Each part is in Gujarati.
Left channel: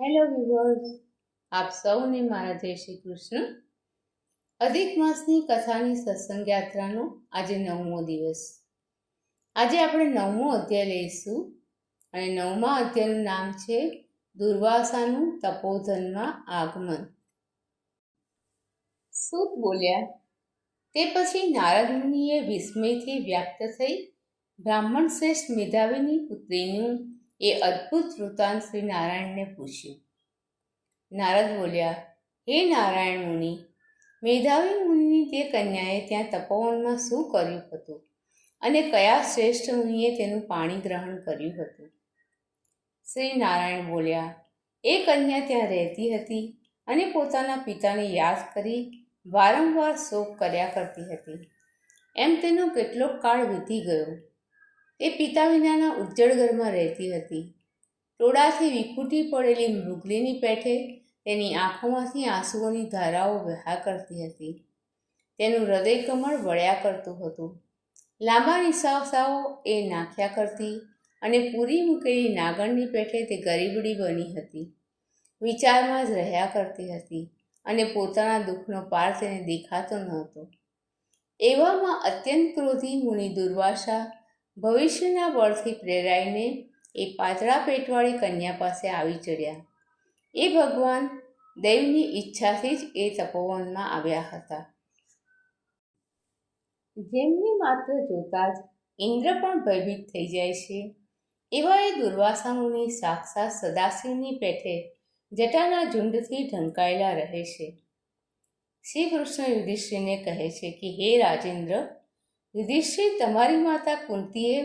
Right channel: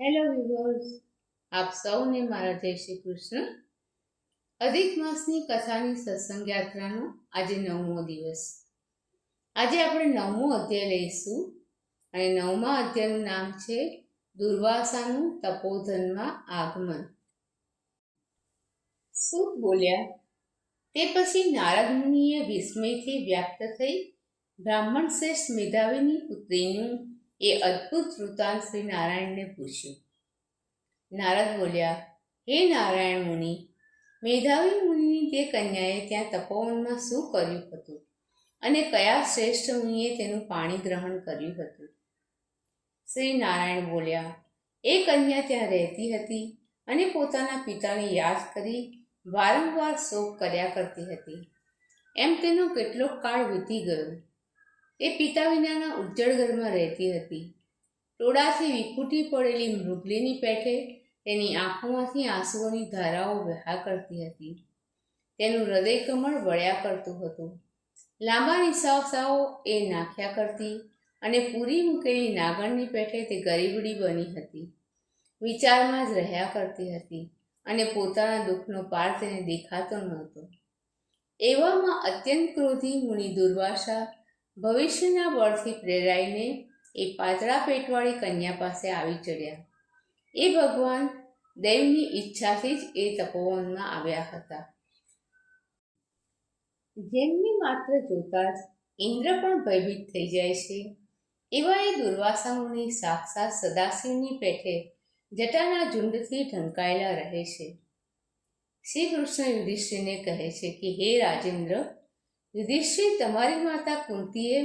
હેલો વ્યુઅર્સ, આપ સૌને મારા જય શ્રી કૃષ્ણ. અધિક માસની કથાની સત્સંગ યાત્રાનો આજે 9મો દિવસ. આજે આપણે 9મો અધ્યાય લઈશું અને 9મા અધ્યાયનું નામ છે દુર્વાસાનું તપોધનમાં આગમન. સૂત બોલ્યા, તે પછી નારદ મુનિએ વિસ્મયથી વ્યક્ત થઈ બ્રાહ્મણ શ્રેષ્ઠ મેધાવીની પુત્રીનું એ અદ્ભુત વૃત્તાંત શ્રી નારાયણને પૂછ્યું. નારદ બોલ્યા, હે નારાયણ મુનિ, મેધાવી મુનિની તે કન્યાએ ત્યાં તપોવનમાં શું કર્યું હતું અને કયા શ્રેષ્ઠ મુનિએ તેનું પાણી ગ્રહણ કર્યું હતું? શ્રી નારાયણ બોલ્યા, એ કન્યા ત્યાં રહેતી હતી અને પોતાના પિતાને યાદ કરી વારંવાર શોક કર્યા કરતી હતી. એમ તેનો કેટલોક કાળ વીતી ગયો. તે પિતા વિનાના ઉજ્જડ ઘરમાં રહેતી હતી. ટોળાથી વિખૂટી પડેલી મૃગલીની પેઠે તેની આંખોમાંથી આંસુઓની ધારાઓ વહ્યા કરતી હતી. તેનું હૃદય કમળ વળ્યા કરતું હતું. લાંબા નિશ્વાસાઓ એ નાખ્યા કરતી અને પૂરી મૂકેલી નાગણની પેઠે તે ગરીબડી બની હતી. વિચારમાં જ રહ્યા કરતી હતી અને પોતાના દુઃખનો પાર તેને દેખાતો નહોતો. એવામાં અત્યંત ક્રોધી મુનિ દુર્વાસા ભવિષ્યના બળથી પ્રેરાઈને એ પાતળા પેટવાળી કન્યા પાસે આવી ચડ્યા. એ ભગવાન દૈવની ઈચ્છાથી જ એ તપોવનમાં આવ્યા હતા. જેમને માત્ર જોતા જ ઇન્દ્ર પણ ભયભીત થઈ જાય છે, એવા એ દુર્વાસા મુનિ સાક્ષાત સદાશિવની પેઠે જટાના ઝુંડથી ઢંકાયેલા રહે છે. શ્રી કૃષ્ણ યુધિષ્ઠિરને કહે છે કે હે રાજેન્દ્ર, યુધિષ્ઠિર, તમારી માતા કુંતીએ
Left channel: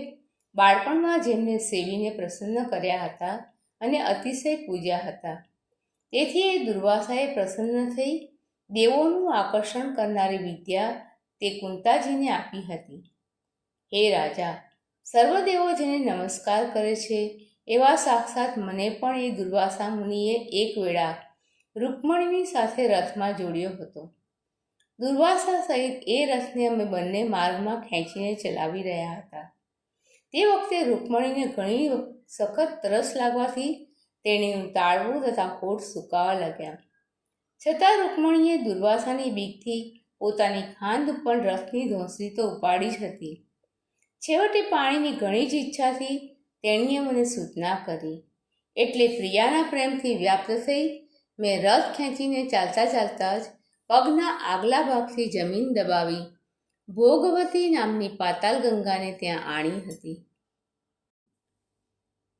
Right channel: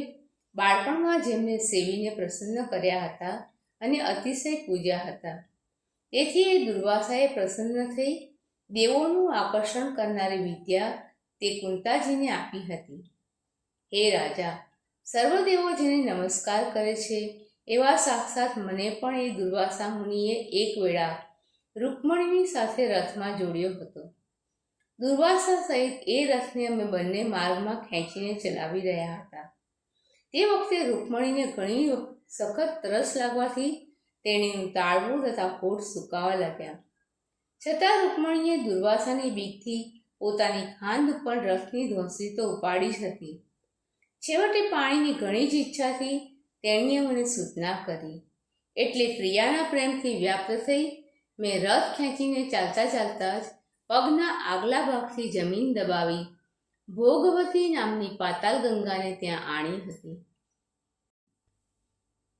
બાળપણમાં જેમને સેવીને પ્રસન્ન કર્યા હતા અને અતિશય પૂજ્યા હતા, તેથી એ દુર્વાસાએ પ્રસન્ન થઈ દેવોનું આકર્ષણ કરનારી વિદ્યા તે કુંતાજીને આપી હતી. હે રાજા, સર્વદેવો જેને નમસ્કાર કરે છે એવા સાક્ષાત મને પણ એ દુર્વાસા મુનિએ એક વેળા રૂકમણીની સાથે રથમાં જોડ્યો હતો. દુર્વાસા સહિત એ રથને અમે બંને માર્ગમાં ખેંચીને ચલાવી રહ્યા હતા. તે વખતે રૂકમણીને ઘણી સખત તરસ લાગવાથી તેણીનું તાળવું તથા હોઠ સુકાવા લાગ્યા. છતાં રૂકમણીએ દુર્વાસાની બીકથી પોતાની ખાંદ ઉપર રથની ધોંસરી તો ઉપાડી જ હતી. છેવટે પાણીની ઘણી જ ઈચ્છાથી તેણીએ મને સૂચના કરી, એટલે પ્રિયાના પ્રેમથી વ્યાપ્ત થઈ મેં રથ ખેંચીને ચાલતા ચાલતા જ પગના આગલા ભાગથી જમીન દબાવી ભોગવતી નામની પાતાલ ગંગાને ત્યાં આણી હતી.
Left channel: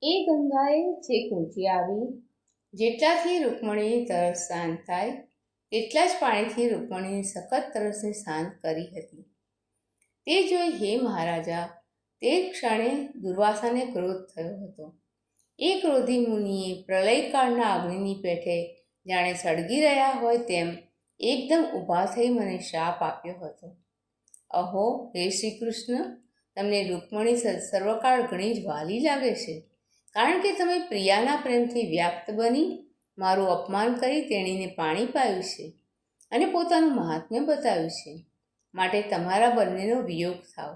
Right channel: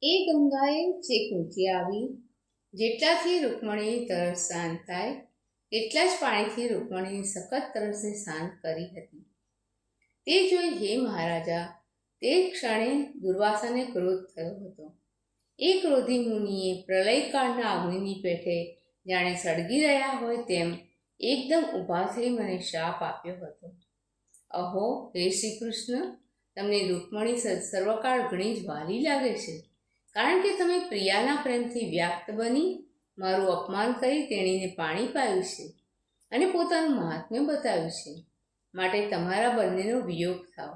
એ ગંગાએ છેક ઊંચી આવી જેટલાથી રૂકમણીની તરસ શાંત થાય એટલા જ પાણીથી રૂકમણીની સખત તરસને શાંત કરી હતી. તે જોઈ હે મહારાજા, તે ક્ષણે દુર્વાસાને ક્રોધ થયો હતો. એ ક્રોધી મુનિએ પ્રલયકાળના અગ્નિની પેઠે જાણે સળગી રહ્યા હોય તેમ એકદમ ઊભા થઈ મને શાપ આપ્યો હતો. અહો હે શ્રી કૃષ્ણ, તમને રૂકમણી સર્વકાળ ઘણી જ વહાલી લાગે છે, કારણ કે તમે પ્રિયાના પ્રેમથી વ્યાપ્ત બની મારું અપમાન કરી તેણીને પાણી પાયું છે અને પોતાનું મહાત્મ્ય બતાવ્યું છે, માટે તમારા બંનેનો વિયોગ થાવ.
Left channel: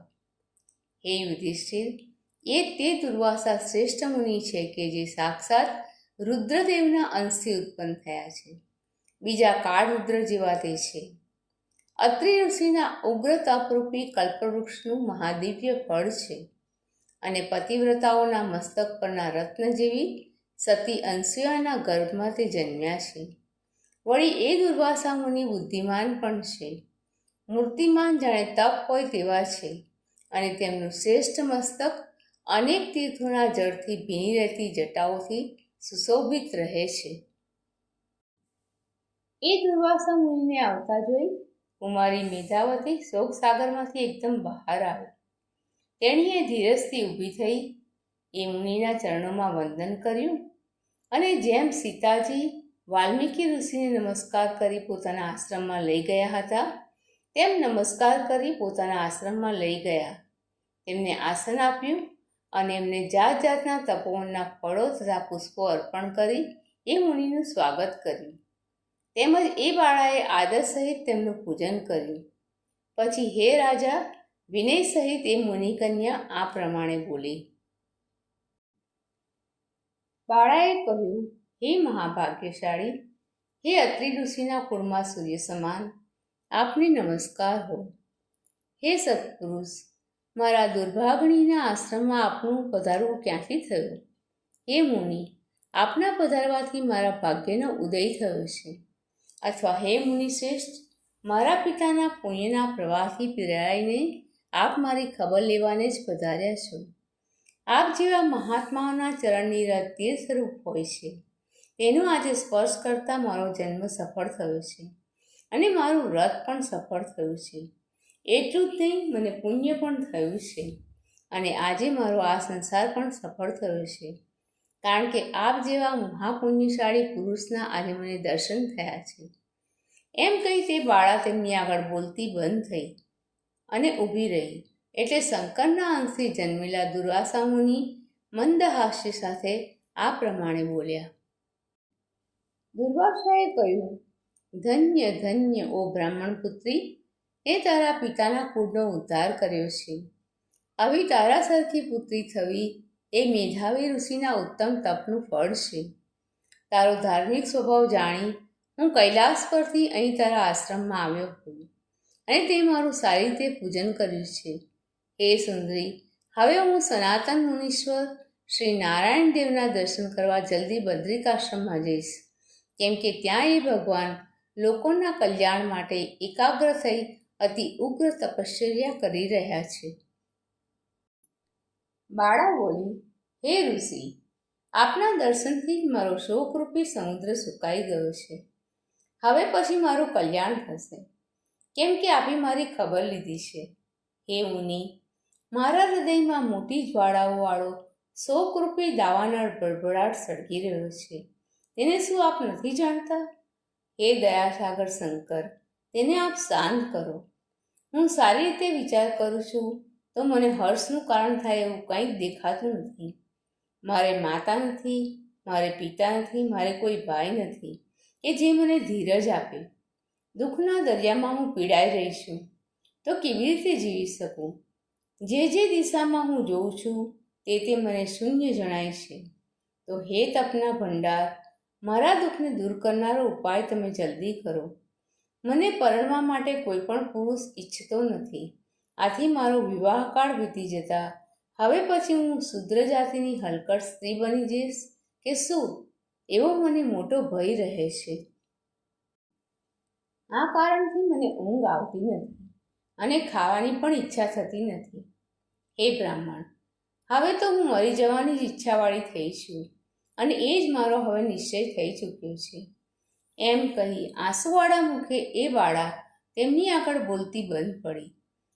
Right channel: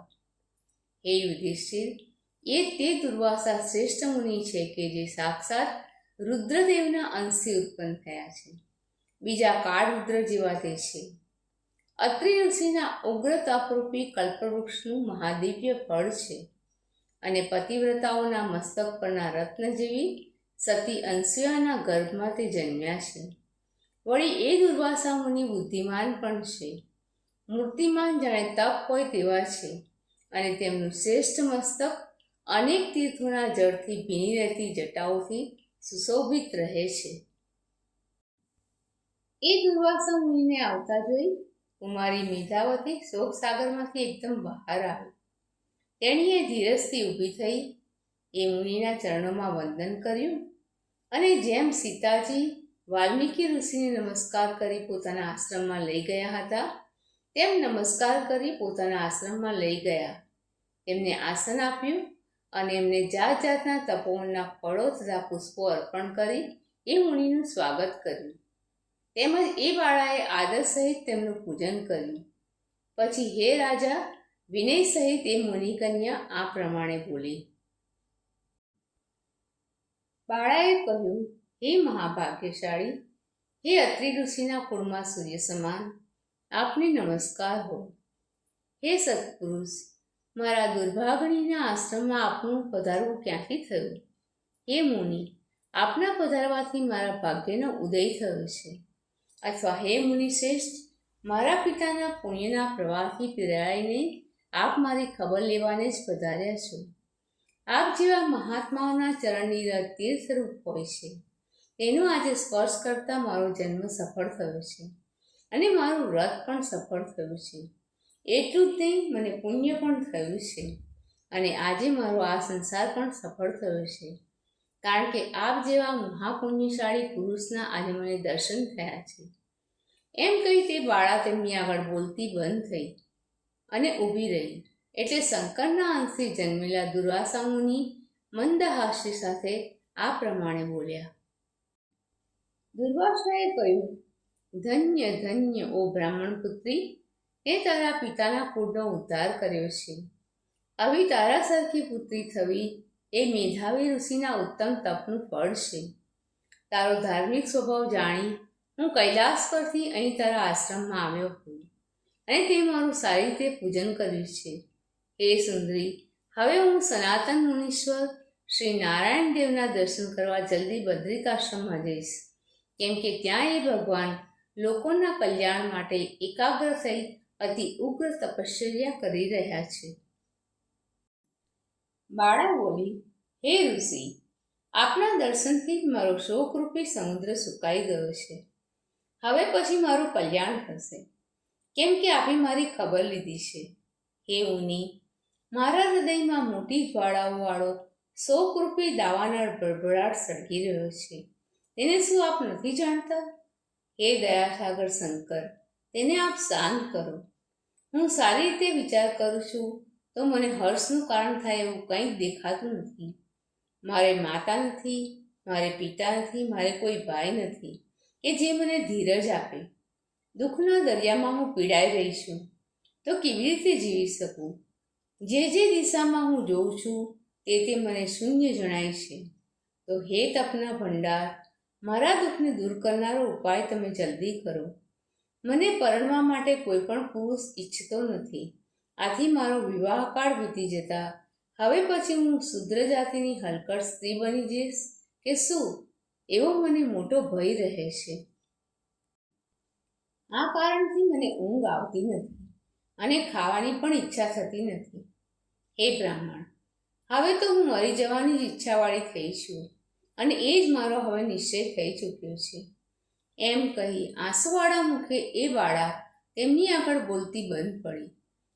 હે યુધિષ્ઠિર, એ તે દુર્વાસા શ્રેષ્ઠ મુનિ છે કે જે સાક્ષાત રુદ્રદેવના અંશથી ઉત્પન્ન થયા છે. બીજા કાળ રુદ્ર જેવા તે છે. અત્રિ ઋષિના ઉગ્ર તપરૂપી કલ્પવૃક્ષનું મહાદિવ્ય ફળ છે અને પતિવ્રતાઓના મસ્તક પરના રત્ન જેવી સતી અનસૂયાના ગર્ભમાં તે જન્મ્યા છે. વળી એ દુર્વાસા મુનિ બુદ્ધિમાન પણ છે. મૂર્તિમાન જાણે તપ હોય તેવા છે અને તેમનું શ્રેષ્ઠ મસ્તક અનેક તીર્થોના જળથી ભીની રહેતી જટાઓથી સુશોભિત રહે છે. એ દુર્વાસા મુનિને આવતા જોઈ કુમારી મેધાવતી શોક સાગરમાંથી એકદમ બહાર આવી. તેણીએ ધીરજથી ઊભી થઈ એ મુનિના ચરણોમાં વંદન કર્યું અને જેમ સીતાજી વાલ્મીકી ઋષિને નમસ્કાર કરી પોતાના આશ્રમમાં લઈ ગયા હતા તેમ નમસ્કાર કરી પોતાના આશ્રમમાં લઈ ગયા. તેમને આસન આપ્યું અને એમને જાત જાતના તપોવનના ફળો તથા પુષ્પો અર્પણ કરી એ મુનિનું સ્વાગત કર્યું. તેમજ એ બાળાએ આદર સહિત તેમનું પૂજન કર્યું. પછી હે રાજા, વિનય સહિત એ મુનિકન્યા આ પ્રમાણે બોલી. બાળાએ કહ્યું, હે મહાભાગ્યશાળી, હે અત્રિ ઋષિના કુળમાં સૂર્ય સમાન, આપને નમસ્કાર હો. હે સત્પુરુષ, મારા દુર્ભાગણીના આશ્રમમાં આપનું પધારવું ક્યાંથી થયું? હે મુનિ, આપના પધારવાથી મારા ભાગ્યનો ઉદય થયો છે. અથવા હે મુનિ શ્રેષ્ઠ, મારા પિતાના પુણ્યના પ્રવાહથી પીરાઈને આપ મારી ખબર લેવાને જ પધાર્યા છો. આપ જેવા મહાત્માઓના ચરણની રજ તીર્થરૂપ હોય છે. તેનો આજે સ્પર્શ કરતાં મારો જન્મ સફળ થયો છે અને મારું વ્રત પણ સફળ થયું છે. એટલું જ નહીં, મને પુણ્ય પણ થયું છે અને આજે મારો આ સંસાર પણ સફળ થયો છે, કારણ કે આપ જેવા મહાપુણ્યશાળી પુરુષના આજે મને દર્શન થયા છે. એમ કહી તે બાળા તેમની આગળ બોલતી બંધ થઈ અને ઊભી રહી. એટલે શંકરના અંશથી જન્મેલા દુર્વાસા મુનિ મંદ હાસ્ય સાથે આ પ્રમાણે બોલ્યા. દુર્વાસાએ કહ્યું, ધન્ય ધન્ય ઓ બ્રાહ્મણ પુત્રી, તે તારા પિતાના કુળનો ઉદ્ધાર કર્યો છે. આવી તારા સરખી પુત્રી થવી એ મેધાવી ઋષિના ઉત્તમ તપનું ફળ છે. તારો ધાર્મિક સ્વભાવ જાણી હું કૈલાસ પરથી અહીં તારા આશ્રમમાં આવ્યો છું અને તે મારું સારી રીતે પૂજન કર્યું છે. હે સુંદરી, હવે હું સનાતન મુનીશ્વર શ્રી નારાયણ દેવના દર્શન કરવા જલ્દી બદ્રિકાશ્રમમાં જઈશ, કેમ કે ત્યાં એ ભગવાન લોકોના કલ્યાણ માટે એકાગ્ર થઈ અતિ ઉગ્ર તપશ્ચર્યા કરી રહ્યા છે. બાળા બોલી, હે ઋષિ, આપના દર્શનથી જ મારો શોકરૂપી સમુદ્ર સુકાઈ ગયો છે. હવે પછી મારું કલ્યાણ થશે, કેમ કે આપે મારી ખબર લીધી છે. હે મુનિ, મારા હૃદયમાં મોટી જ્વાળાઓવાળો શોકરૂપી દાવાનળ ભડભડાટ સળગી રહ્યો છે. તેને શું આપ નથી જાણતા? હે દયાસાગર શંકર, તેને આપ શાંત કરો. હું સારી રીતે વિચાર કરું છું તો મને હર્ષનું કારણ થાય એવું કંઈક દેખાતું નથી. મારે માતા નથી, મારે પિતા નથી, મારે કોઈ ભાઈ નથી કે જે મને ધીરજ આપે. દુઃખના દરિયામાં હું પીડાઈ રહી છું તો કેવી રીતે જીવી શકું? જે દિશામાં હું જોઉં છું તે મને શૂન્ય જણાય છે. તો હે તપના ભંડાર, મારા દુઃખને દૂર કરનારો ઉપાય તમે જલ્દી કરો. મને પરણવા માટે કોઈ પણ પુરુષ ઈચ્છતો નથી. આથી મારો વિવાહકાળ વીતી જતા હવે પછી હું શુદ્ર જાતિની હલકટ સ્ત્રી બની જઈશ કે શું, એવો મને મોટો ભય રહે છે. આ કારણથી મને ઊંઘ આવતી નથી અને ખાવાની પણ ઈચ્છા થતી નથી. હે બ્રાહ્મણ, હવે તો હું મરી જવાની જ ઈચ્છાવાળી થઈ છું અને એ જ મારો હવે નિશ્ચય થઈ ચૂક્યો છે. એમ કહી આંસુવાળા મુખે એ બાળા તેમની આગળ બોલતી બંધ પડી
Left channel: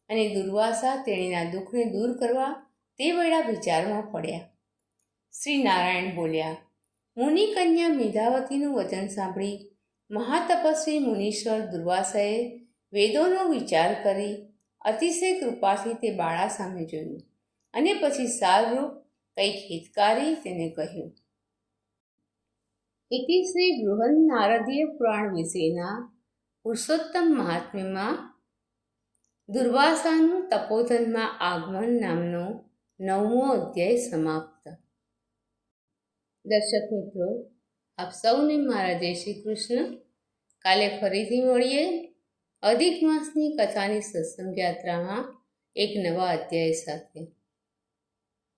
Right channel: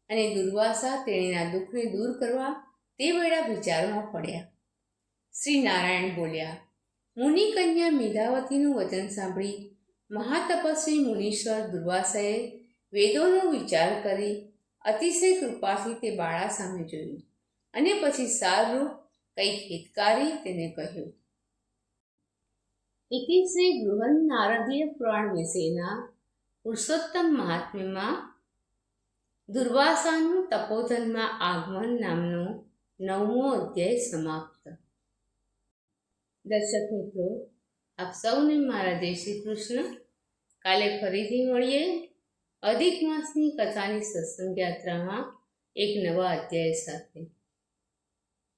અને દુર્વાસા તેણીના દુઃખને દૂર કરવા તે વેળા વિચારમાં પડ્યા. શ્રી નારાયણ બોલ્યા, મુનિ કન્યા મેધાવતીનું વચન સાંભળી મહાતપસ્વી મુનીશ્વર દુર્વાસાએ વેદોનો વિચાર કરી અતિશય કૃપાથી તે બાળા સામે જોયું અને પછી સારરૂપ કંઈક હિતકારી તેને કહ્યું. ઇતિ શ્રી બૃહન નારદીય પુરાણ વિશેના પુરુષોત્તમ મહાત્મ્યમાં દુર્વાસાનું તપોધનમાં આગમન નામનો 9મો અધ્યાય સમાપ્ત. દર્શક મિત્રો, આપ સૌને મારા જય શ્રી કૃષ્ણ. કાલે ફરીથી મળીએ અધિક માસની કથાની સત્સંગ યાત્રામાં એક નવા અધ્યાય સાથે.